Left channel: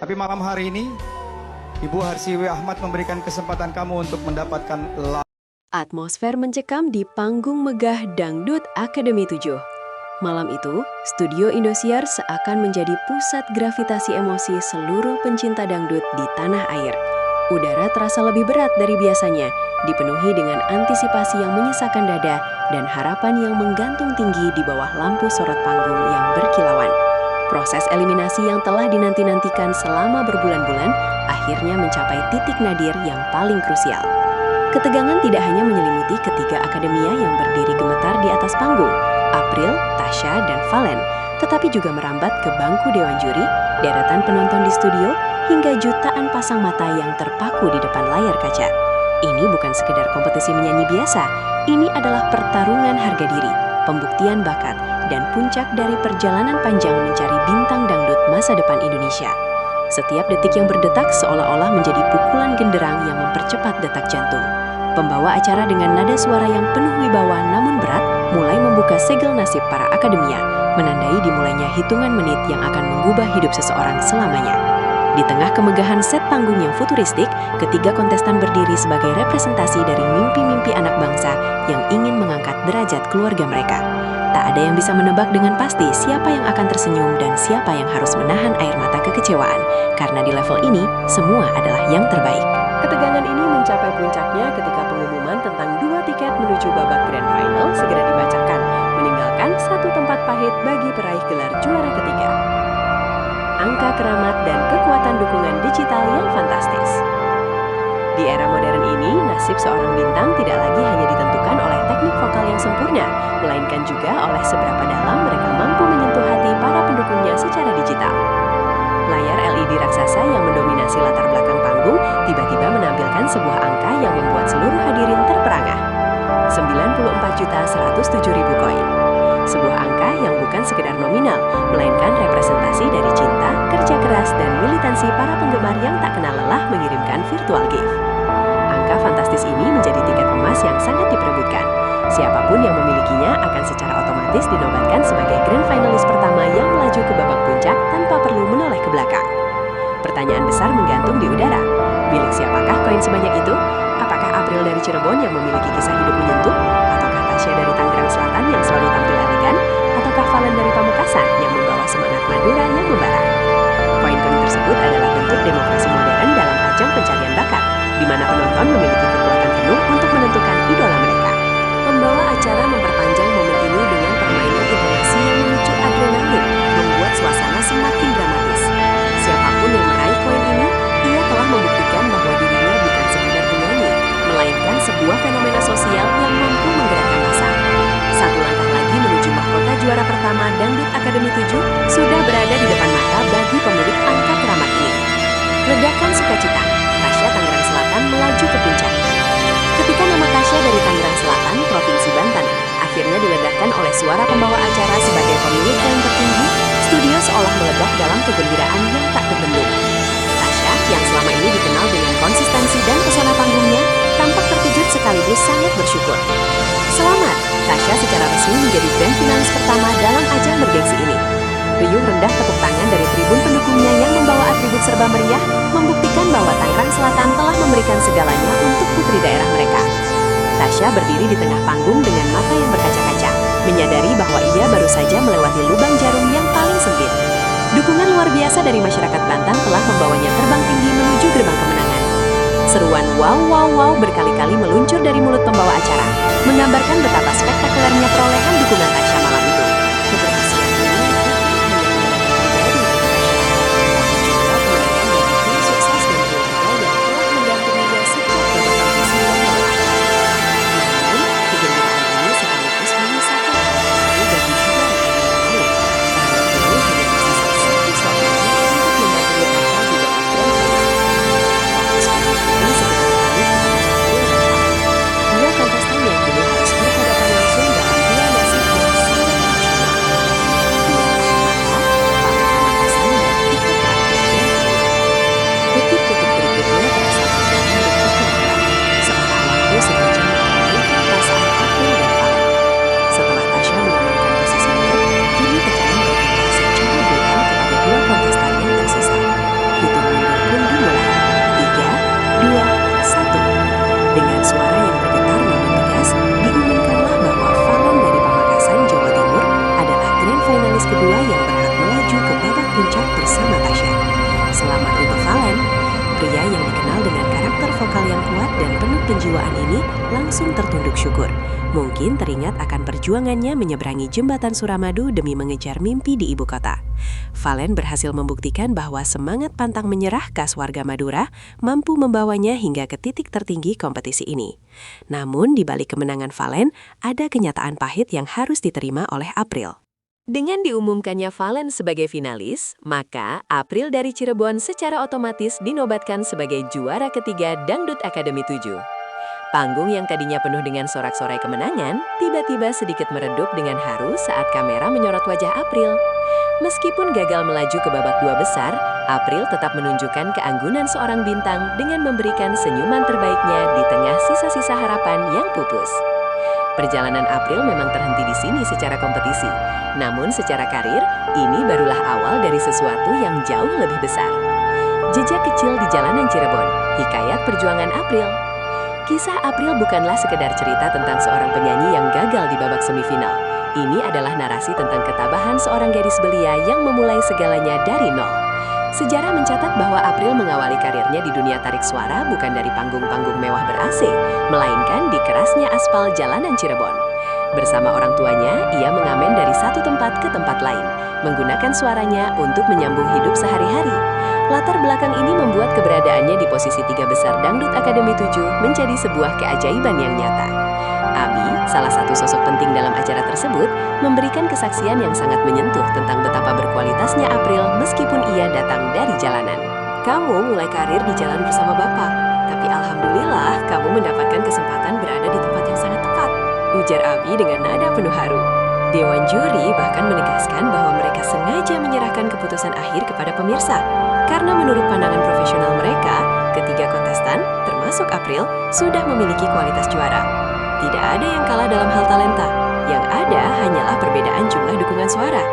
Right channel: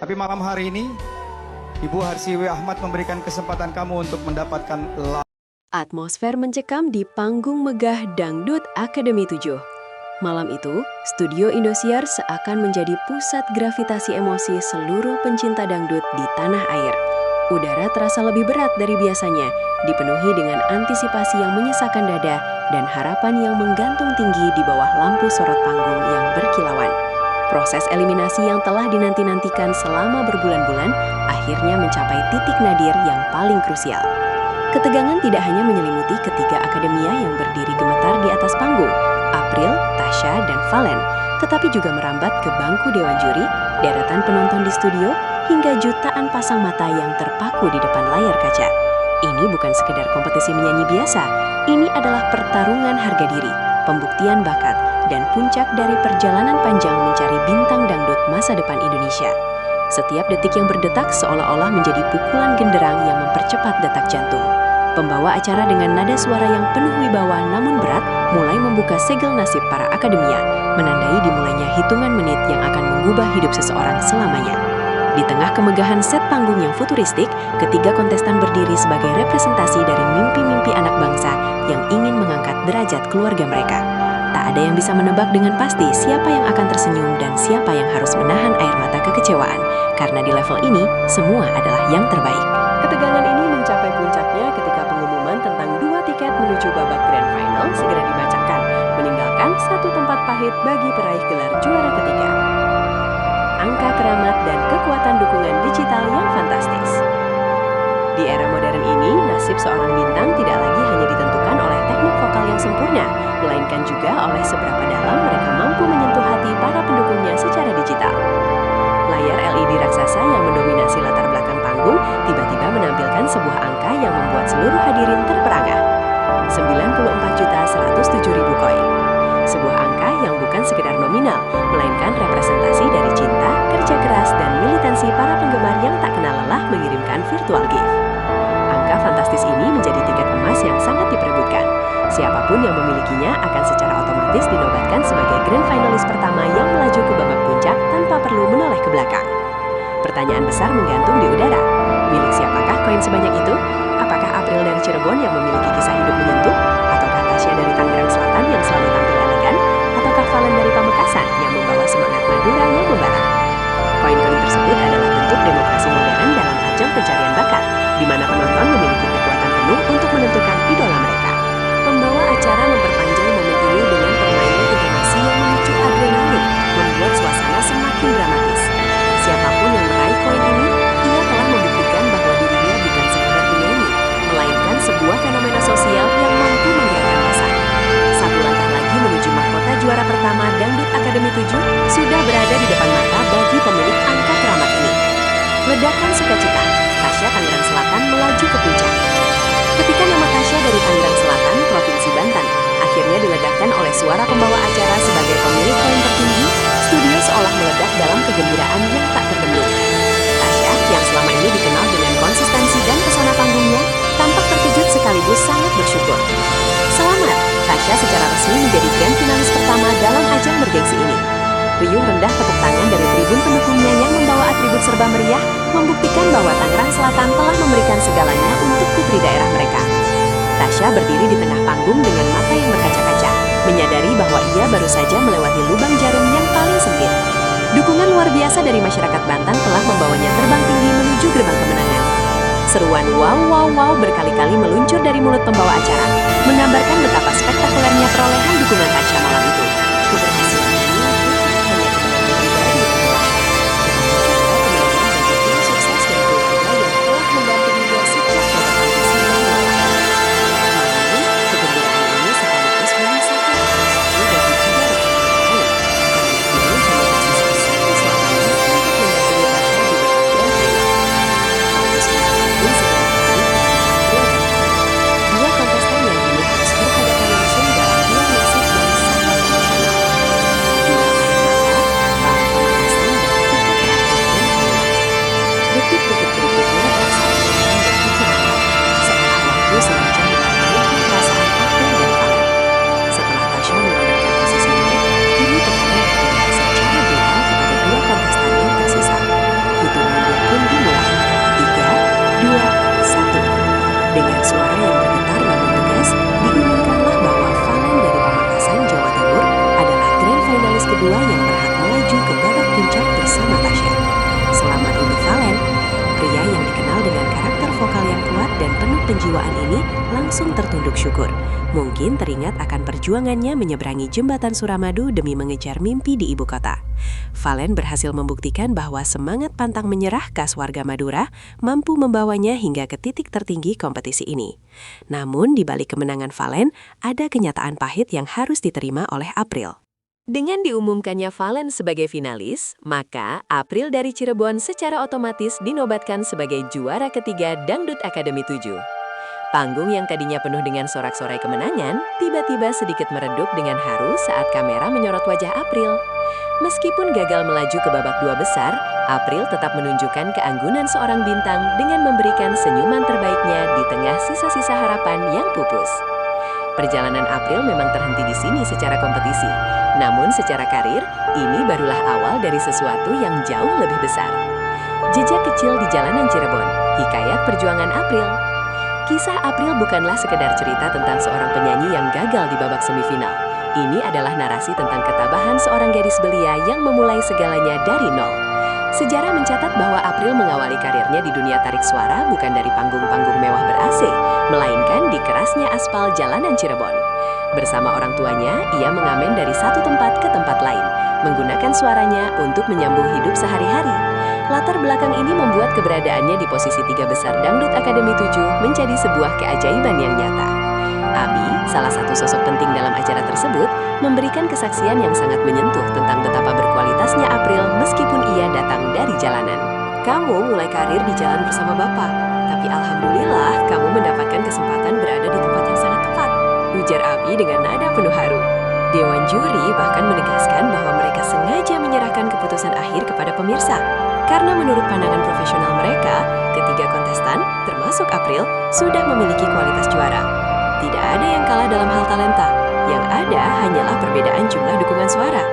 Tapi malam hari ini, Ibu Harsiwi Ahmad memberikan kesempatan kamu untuk mendapatkan Atmosfer mencekam di panggung megah Dangdut Akademi 7. Malam itu, Studio Indosiar seakan menjadi pusat gravitasi emosi seluruh pencinta dangdut di tanah air. Udara terasa lebih berat dari biasanya, dipenuhi dengan antisipasi yang menyesakkan dada dan harapan yang menggantung tinggi di bawah lampu sorot panggung yang berkilauan. Proses eliminasi yang telah dinanti-nantikan selama berbulan-bulan akhirnya mencapai titik nadir yang paling krusial. Ketegangan tidak hanya menyelimuti ketiga akademia yang berdiri gemetar di atas panggung, April, Tasya, dan Valen, tetapi juga merambat ke bangku dewan juri, deretan penonton di studio, hingga jutaan pasang mata yang terpaku di depan layar kaca. Ini bukan sekedar kompetisi menyanyi biasa, ini adalah pertarungan harga diri, pembuktian bakat, dan puncak dari perjalanan panjang mencari bintang dangdut masa depan Indonesia. Setiap detik yang berdetak seolah-olah menjadi pukulan genderang yang mempercepat detak jantung. Pembawa acara dengan nada suara yang penuh wibawa namun berat mulai membuka segel nasib para akademia, menandai dimulainya hitungan menit yang akan mengubah hidup seseorang selamanya. Di tengah kemegahan set panggung yang futuristik, ketiga kontestan berdiri sebagai representasi dari mimpi-mimpi anak bangsa yang ingin mengangkat derajat keluarga mereka. Tak ada yang bisa menebak dengan pasti siapa yang akan tersenyum dan siapa yang harus menahan air mata kekecewaan, karena di level ini, semua adalah yang terbaik. Ketegangan ini mencapai puncaknya ketika pengumuman tentang 2 tiket menuju babak grand final segera dibacakan, meninggalkan satu tempat pahit bagi peraih gelar juara ketiga. Angka keramat dan kekuatan dukungan digital yang fantastis. Di era modern ini, nasib seorang bintang tidak lagi hanya ditentukan oleh teknik vokal yang sempurna, melainkan juga oleh seberapa dalam mereka mampu menyentuh hati para pendukungnya secara digital. Layar LED raksasa yang mendominasi latar belakang panggung tiba-tiba menampilkan sebuah angka yang membuat seluruh hadirin terperangah. 94.107.000 koin. Sebuah angka yang bukan sekedar nominal, melainkan representasi dari cinta, kerja keras, dan militansi para penggemar yang tak kenal lelah mengirimkan virtual gift. Angka fantastis ini menjadi tiket emas yang sangat diperebutkan. Siapapun yang memilikinya akan secara otomatis dinobatkan sebagai grand finalis pertama yang melaju ke babak puncak tanpa perlu menoleh ke belakang. Pertanyaan besar menggantung di udara. Milik siapakah koin sebanyak itu? Apakah April dari Cirebon yang memiliki kisah hidup menyentuh? Ataukah Tasya dari Tangerang Selatan yang selalu tampil elegan? Ataukah Valen dari Pamekasan yang membawa semangat Madura yang membara? Koin-koin tersebut adalah bentuk demokrasi modern dalam ajang pencarian bakat, di mana penonton memiliki kekuatan penuh untuk menentukan idola mereka. Pembawa acara memperpanjang momen ini dengan permainan intonasi yang memicu adrenalin, membuat suasana semakin dramatis. Siapapun yang meraih koin ini, ia telah membuktikan bahwa dirinya bukan sekadar penyanyi, melainkan sebuah fenomena sosial yang mampu menggerakkan massa. Satu langkah lagi menuju mahkota juara pertama Dangdut Akademi 7 sudah berada di depan mata bagi pemilik angka keramat ini. Ledakan sukacita, Tasya Tangerang Selatan melaju ke puncak. Ketika nama Tasya dari Tangerang Selatan, Provinsi Banten, akhirnya diledakkan oleh suara pembawa acara sebagai pemilik koin tertinggi, studio seolah meledak dalam kegembiraan yang tak terbendung. Tasya, yang selama ini dikenal dengan konsistensi dan pesona panggungnya, tampak terkejut sekaligus sangat bersyukur. Selamat, Tasya secara resmi menjadi grand finalis pertama dalam ajang bergengsi ini. Riuh rendah tepuk tangan dari tribun pendukungnya yang membawa atribut serba meriah membuktikan bahwa Tangerang Selatan telah memberikan segalanya untuk putri daerah mereka. Tasya berdiri di tengah panggung dengan mata yang berkaca-kaca, menyadari bahwa ia baru saja melewati lubang jarum yang paling sempit. Dukungan luar biasa dari masyarakat Banten telah membawanya terbang tinggi menuju gerbang kemenangan. Seruan wow wow wow berkali-kali meluncur dari mulut pembawa acara, menggambarkan betapa spektakulernya perolehan dukungan Tasya malam itu. Keberhasilan ini bukan hanya kemenangan pribadi bagi Tasya, tetapi juga kemenangan bagi tim sukses dan keluarga yang telah mendampinginya sejak babak audisi yang melelahkan. Namun, kegembiraan ini sekaligus menyisakan awal baru bagi dua rekannya yang lain, karena kini hanya tersisa satu slot lagi untuk mendampingi Tasya di babak grand final. Fokus penonton pun segera beralih kepada April dan Valen, dua kontestan yang kini harus berhadapan langsung dalam duel nasib yang sangat emosional. Duel air mata, Valen Pamekasan, dan tiket terakhir grand final. Detik-detik berikutnya terasa berjalan begitu lambat, seolah waktu sengaja mempermainkan perasaan April dan Valen. Setelah Tasya mengamankan posisinya, kini tekanan berpindah secara brutal kepada dua kontestan yang tersisa. Hitungan pun dimulai. 3, 2, 1. Dengan suara yang bergetar namun tegas, diumumkanlah bahwa Valen dari Pamekasan, Jawa Timur adalah grand finalis kedua yang berhak melaju ke babak puncak bersama Tasya. Selamat untuk Valen. Pria yang dikenal dengan karakter vokal yang kuat dan penuh penjiwaan ini langsung tertunduk syukur. Mungkin teringat akan perjuangannya menyeberangi jembatan Suramadu demi mengejar mimpi di ibu kota. Valen berhasil membuktikan bahwa semangat pantang menyerah khas warga Madura mampu membawanya hingga ke titik tertinggi kompetisi ini. Namun di balik kemenangan Valen, ada kenyataan pahit yang harus diterima oleh April. Dengan diumumkannya Valen sebagai finalis, maka April dari Cirebon secara otomatis dinobatkan sebagai juara ketiga Dangdut Akademi 7. Panggung yang tadinya penuh dengan sorak-sorai kemenangan, tiba-tiba sedikit meredup dengan haru saat kamera menyorot wajah April. Meskipun gagal melaju ke babak 2 besar, April tetap menunjukkan keanggunan seorang bintang dengan memberikan senyuman terbaiknya di tengah sisa-sisa harapan yang pupus. Perjalanan April memang terhenti di sini secara kompetisi. Namun secara karir, ini barulah awal dari sesuatu yang jauh lebih besar. Jejak kecil di jalanan Cirebon, hikayat perjuangan April. Kisah April bukanlah sekedar cerita tentang seorang penyanyi yang gagal di babak semifinal. Ini adalah narasi tentang ketabahan seorang gadis belia yang memulai segalanya dari nol. Sejarah mencatat bahwa April mengawali karirnya di dunia tarik suara bukan dari panggung-panggung mewah ber-AC, melainkan di kerasnya aspal jalanan Cirebon. Bersama orang tuanya, ia mengamen dari satu tempat ke tempat lain, menggunakan suaranya untuk menyambung hidup sehari-hari. Latar belakang ini membuat keberadaannya di posisi 3 besar Dangdut Akademi 7 menjadi sebuah keajaiban yang nyata. Abi, salah satu sosok penting dalam acara tersebut, memberikan kesaksian yang sangat menyentuh tentang betapa berkualitasnya April meskipun ia datang dari jalanan. Kamu mulai karir di jalan bersama Bapak, tapi alhamdulillah kamu mendapatkan kesempatan berada di tempat yang sangat tepat, ujar Abi dengan nada penuh haru. Dewan juri bahkan menegaskan bahwa mereka sengaja menyerahkan keputusan akhir kepada pemirsa, karena menurut pandangan profesional mereka, ketiga kontestan, termasuk April, sudah memiliki kualitas juara. Tidak ada yang kalah dalam hal talenta, yang ada hanyalah perbedaan jumlah dukungan suara.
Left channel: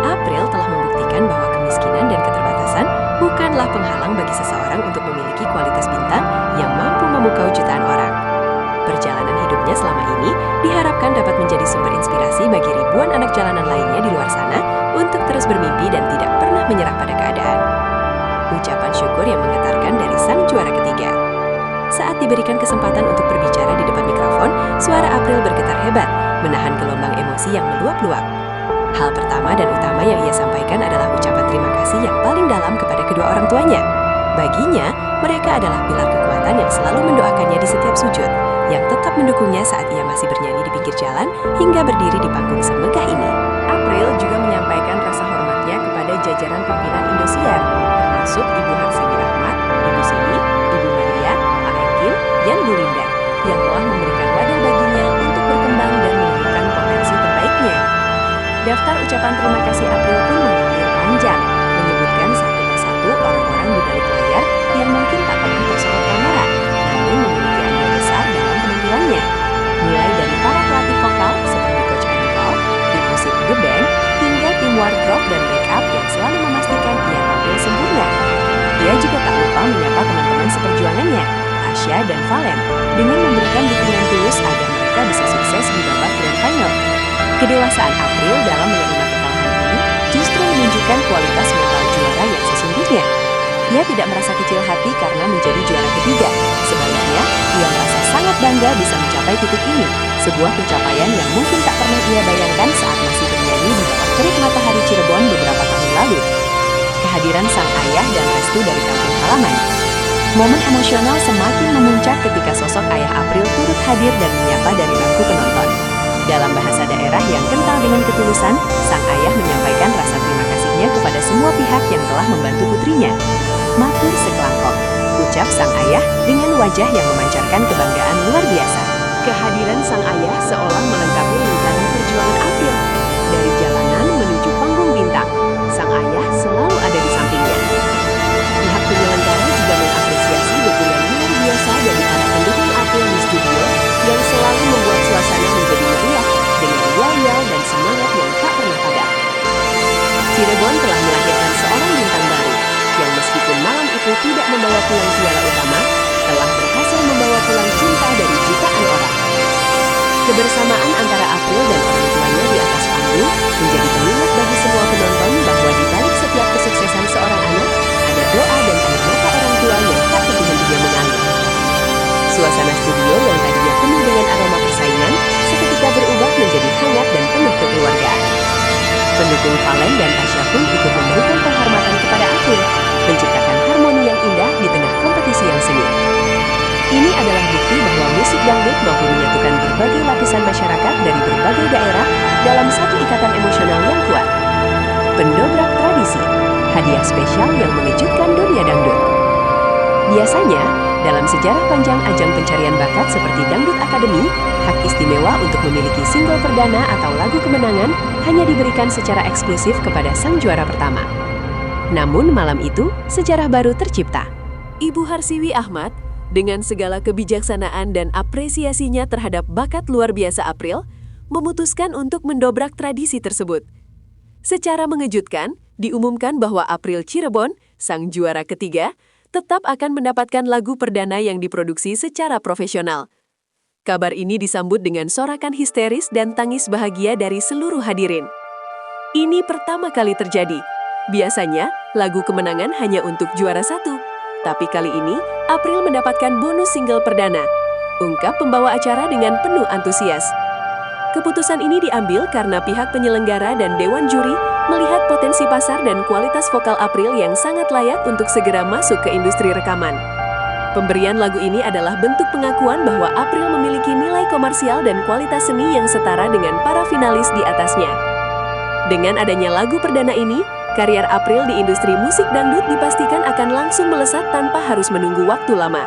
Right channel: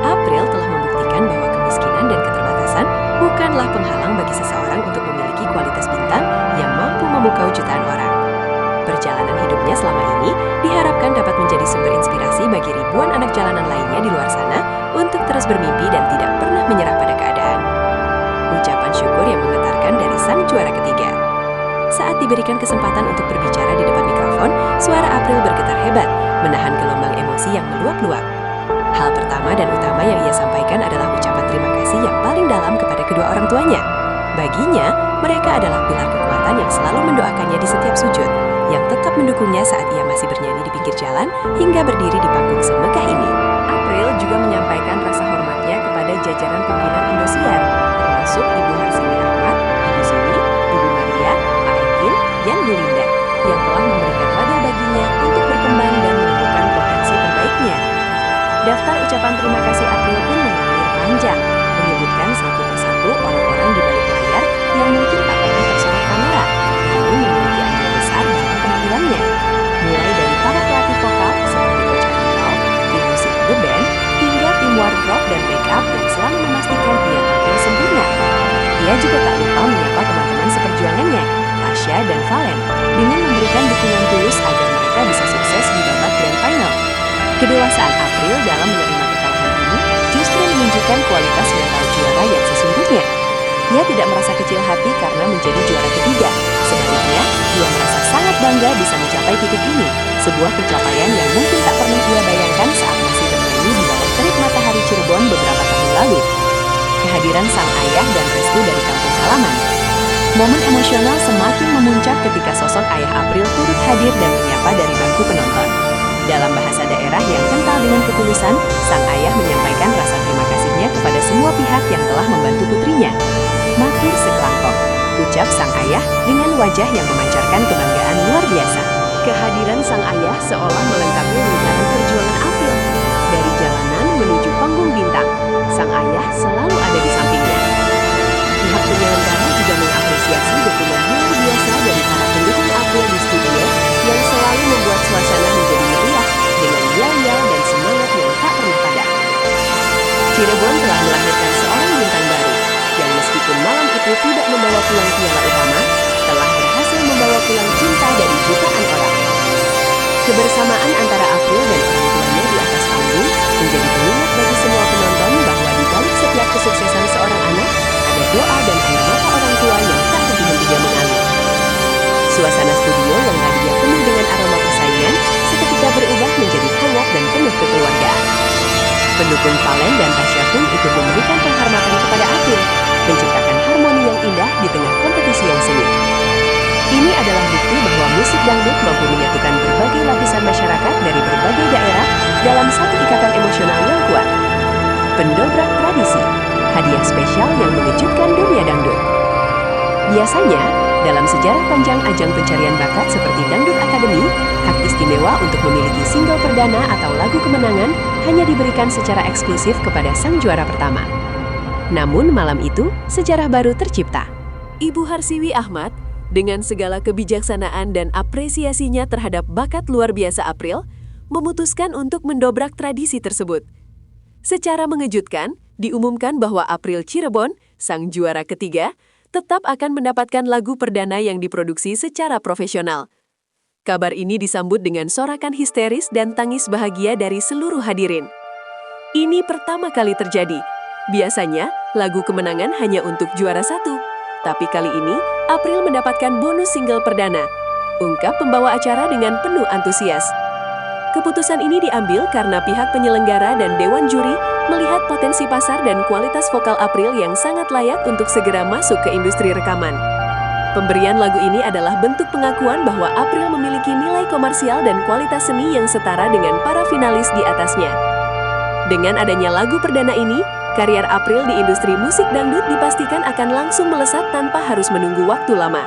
April telah membuktikan bahwa kemiskinan dan keterbatasan bukanlah penghalang bagi seseorang untuk memiliki kualitas bintang yang mampu memukau jutaan orang. Perjalanan hidupnya selama ini diharapkan dapat menjadi sumber inspirasi bagi ribuan anak jalanan lainnya di luar sana untuk terus bermimpi dan tidak pernah menyerah pada keadaan. Ucapan syukur yang menggetarkan dari sang juara ketiga. Saat diberikan kesempatan untuk berbicara di depan mikrofon, suara April bergetar hebat, menahan gelombang emosi yang meluap-luap. Hal pertama dan utama yang ia sampaikan adalah ucapan terima kasih yang paling dalam kepada kedua orang tuanya. Baginya, mereka adalah pilar kekuatan yang selalu mendoakannya di setiap sujud, yang tetap mendukungnya saat ia masih bernyanyi di pinggir jalan hingga berdiri di panggung semegah ini. April juga menyampaikan rasa hormatnya kepada jajaran pimpinan Indosiar, termasuk Ibu Harsiwi Ahmad, Ibu Sini, Ibu Maria, Pak Ekin, dan Bu Linda, yang telah memberikan wadah baginya untuk berkembang dan menemukan potensi terbaiknya. Daftar ucapan terima kasih April pun mengalir panjang, menyebutkan satu persatu orang-orang di balik layar yang mungkin tak pernah tersorot kamera, namun memiliki andil besar dalam penampilannya. Mulai dari para pelatih vokal seperti Coach Anibal, tim musik The Band, hingga tim wardrobe dan make-up yang selalu memastikan ia tampil sempurna. Ia juga tak lupa menyapa teman-teman seperjuangannya, Tasya dan Valen, dengan memberikan dukungan tulus agar mereka bisa sukses di babak Grand Final. Kedewasaan April dalam menerima kekalahan ini justru menunjukkan kualitas mental juara yang sesungguhnya. Ia tidak merasa kecil hati karena menjadi juara ketiga. Sebaliknya, ia merasa sangat bangga bisa mencapai titik ini, sebuah pencapaian yang mungkin tak pernah ia bayangkan saat masih bernyanyi di bawah terik matahari Cirebon beberapa tahun lalu. Kehadiran sang ayah dan restu dari kampung halaman. Momen emosional semakin memuncak ketika sosok ayah April turut hadir dan menyapa dari bangku penonton. Dalam bahasa daerah yang kental dengan ketulusan, sang ayah menyampaikan rasa terima kasihnya kepada semua pihak yang telah membantu putrinya. Matur sekelangkong, ucap sang ayah dengan wajah yang memancarkan kebanggaan luar biasa. Kehadiran sang ayah seolah melengkapi lingkaran perjuangan April. Dari jalanan menuju panggung bintang, sang ayah selalu ada di sampingnya. Pihak penyelenggara juga mengapresiasi dukungan luar biasa dari para pendukung April di studio yang selalu membuat suasana menjadi meriah dengan yel-yel dan semangat yang tak pernah padam. Cirebon telah melahirkan seorang bintang baru, yang meskipun malam itu tidak membawa pulang piala utama, telah berhasil membawa pulang cinta dari jutaan orang. Kebersamaan antara April dan orang tuanya di atas panggung menjadi pengingat bagi semua penonton bahwa di balik setiap kesuksesan seorang anak, ada doa dan air mata orang tua yang tak henti-hentinya mengalir. Suasana studio yang tadinya penuh dengan aroma persaingan, seketika berubah menjadi hangat dan penuh kekeluargaan. Pendukung Valen dan Tasya pun ikut memberikan penghormatan kepada April, menciptakan harmoni yang indah di tengah kompetisi yang sengit. Ini adalah bukti bahwa musik dangdut mampu menyatukan berbagai lapisan masyarakat dari berbagai daerah dalam satu ikatan emosional yang kuat. Pendobrak tradisi, hadiah spesial yang mengejutkan dunia dangdut. Biasanya, dalam sejarah panjang ajang pencarian bakat seperti Dangdut Academy, hak istimewa untuk memiliki single perdana atau lagu kemenangan hanya diberikan secara eksklusif kepada sang juara pertama. Namun malam itu, sejarah baru tercipta. Ibu Harsiwi Ahmad, dengan segala kebijaksanaan dan apresiasinya terhadap bakat luar biasa April, memutuskan untuk mendobrak tradisi tersebut. Secara mengejutkan, diumumkan bahwa April Cirebon, sang juara ketiga, tetap akan mendapatkan lagu perdana yang diproduksi secara profesional. Kabar ini disambut dengan sorakan histeris dan tangis bahagia dari seluruh hadirin. Ini pertama kali terjadi. Biasanya, lagu kemenangan hanya untuk juara satu. Tapi kali ini, April mendapatkan bonus single perdana. Ungkap pembawa acara dengan penuh antusias. Keputusan ini diambil karena pihak penyelenggara dan dewan juri melihat potensi pasar dan kualitas vokal April yang sangat layak untuk segera masuk ke industri rekaman. Pemberian lagu ini adalah bentuk pengakuan bahwa April memiliki nilai komersial dan kualitas seni yang setara dengan para finalis di atasnya. Dengan adanya lagu perdana ini, karier April di industri musik dangdut dipastikan akan langsung melesat tanpa harus menunggu waktu lama.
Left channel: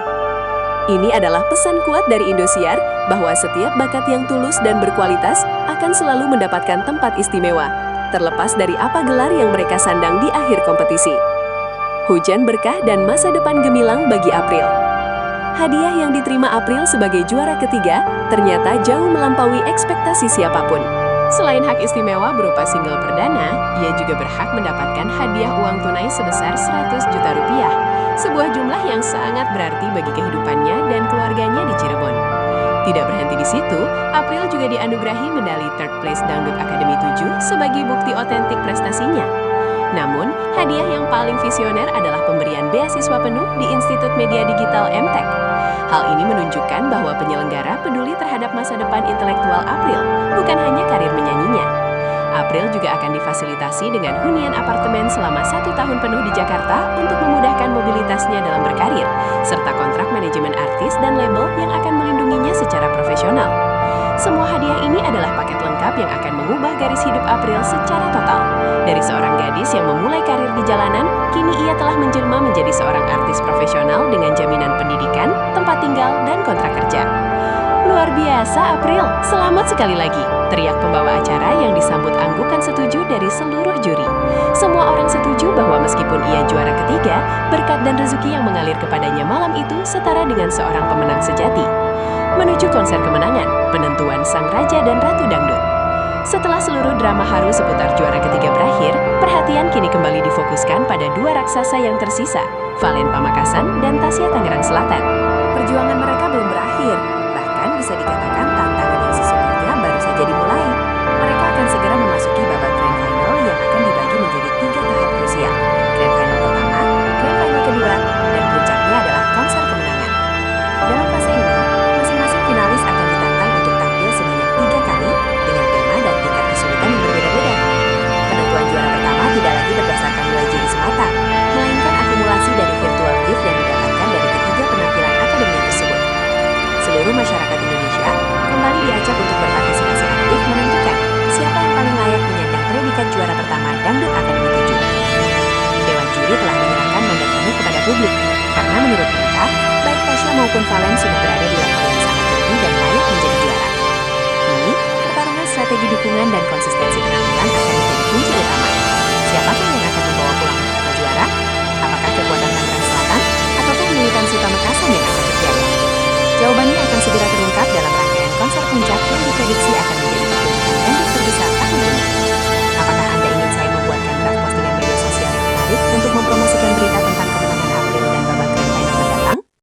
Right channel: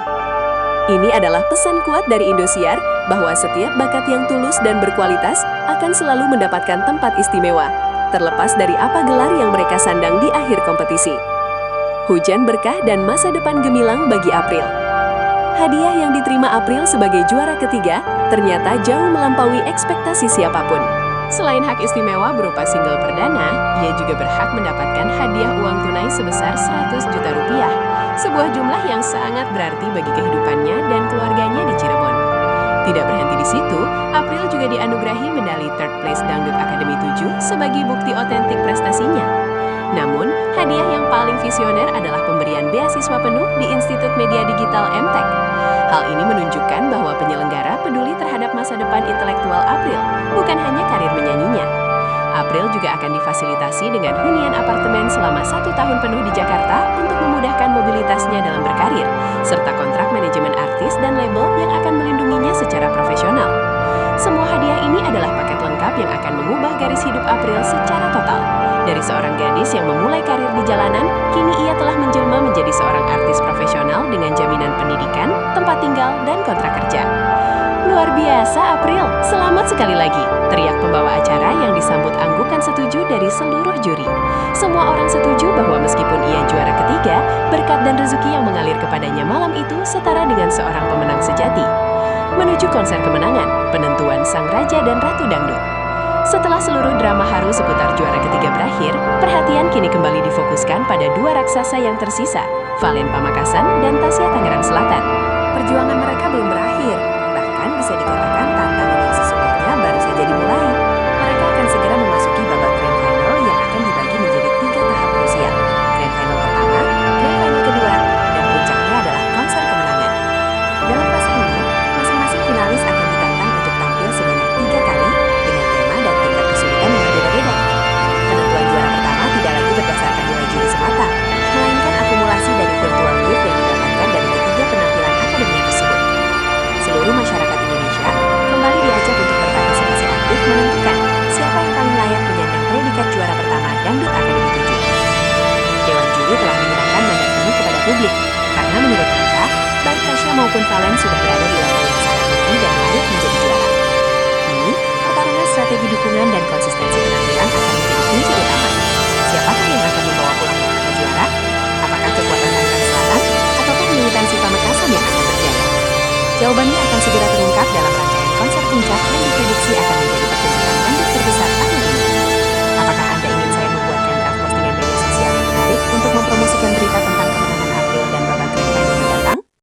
Ini adalah pesan kuat dari Indosiar bahwa setiap bakat yang tulus dan berkualitas akan selalu mendapatkan tempat istimewa, terlepas dari apa gelar yang mereka sandang di akhir kompetisi. Hujan berkah dan masa depan gemilang bagi April. Hadiah yang diterima April sebagai juara ketiga ternyata jauh melampaui ekspektasi siapapun. Selain hak istimewa berupa single perdana, ia juga berhak mendapatkan hadiah uang tunai sebesar 100 juta rupiah, sebuah jumlah yang sangat berarti bagi kehidupannya dan keluarganya di Cirebon. Tidak berhenti di situ, April juga dianugerahi medali Third Place Dangdut Academy 7 sebagai bukti otentik prestasinya. Namun, hadiah yang paling visioner adalah pemberian beasiswa penuh di Institut Media Digital MTech. Hal ini menunjukkan bahwa penyelenggara peduli terhadap masa depan intelektual April, bukan hanya karir menyanyinya. April juga akan difasilitasi dengan hunian apartemen selama 1 tahun penuh di Jakarta untuk memudahkan mobilitasnya dalam berkarir, serta kontrak manajemen artis dan label yang akan melindunginya secara profesional. Semua hadiah ini adalah paket lengkap yang akan mengubah garis hidup April secara total. Dari seorang gadis yang memulai karir di jalanan, kini ia telah menjelma menjadi seorang artis profesional dengan jaminan pendidikan, tempat tinggal, dan kontrak kerja. Luar biasa, April! Selamat sekali lagi! Teriak pembawa acara yang disambut anggukan setuju dari seluruh juri. Semua orang setuju bahwa meskipun ia juara ketiga, berkat dan rezeki yang mengalir kepadanya malam itu setara dengan seorang pemenang sejati. Menuju konser kemenangan, penentuan sang raja dan ratu dangdut. Setelah seluruh drama haru seputar juara ketiga berakhir, perhatian kini kembali difokuskan pada dua raksasa yang tersisa, Valen Pamekasan dan Tasya Tangerang Selatan. Perjuangan mereka belum berakhir, bahkan bisa dikatakan tantangan yang sesungguhnya baru saja dimulai. Mereka akan segera memasuki babak grand final yang akan dibagi menjadi 3 tahap krusial. Grand final pertama, grand final kedua, dan puncaknya adalah konser kemenangan. Dalam fase ini, masing-masing finalis akan ditantang untuk tampil sebanyak 3 kali dengan tema dan tingkat kesulitan yang berbeda-beda. Penentuan juara pertama tidak lagi berdasarkan nilai juri semata, melainkan akumulasi dari virtual gift yang didapatkan dari ketiga penampilan akademinya tersebut. Seluruh masyarakat Indonesia kembali diajak untuk berpartisipasi aktif menentukan siapa yang paling layak menyandang predikat juara pertama Dangdut Academy 7. Dewan juri telah menyerahkan mandat penuh kepada publik, karena menurut mereka, baik Tasya maupun Valen sudah berada di level yang sangat tinggi dan layak menjadi juara. Kini, pertarungan strategi dukungan dan konsistensi penampilan akan menjadi kunci utama. Siapakah yang akan membawa pulang kata juara? Apakah kekuatan Tangerang Selatan, ataukah militansi Pamekasan yang akan berjaya? Jawabannya akan segera terungkap dalam rangkaian konser puncak yang diprediksi akan menjadi pertunjukan dangdut terbesar tahun ini. Apakah Anda ingin saya membuatkan draft postingan media sosial yang menarik untuk mempromosikan berita tentang kemenangan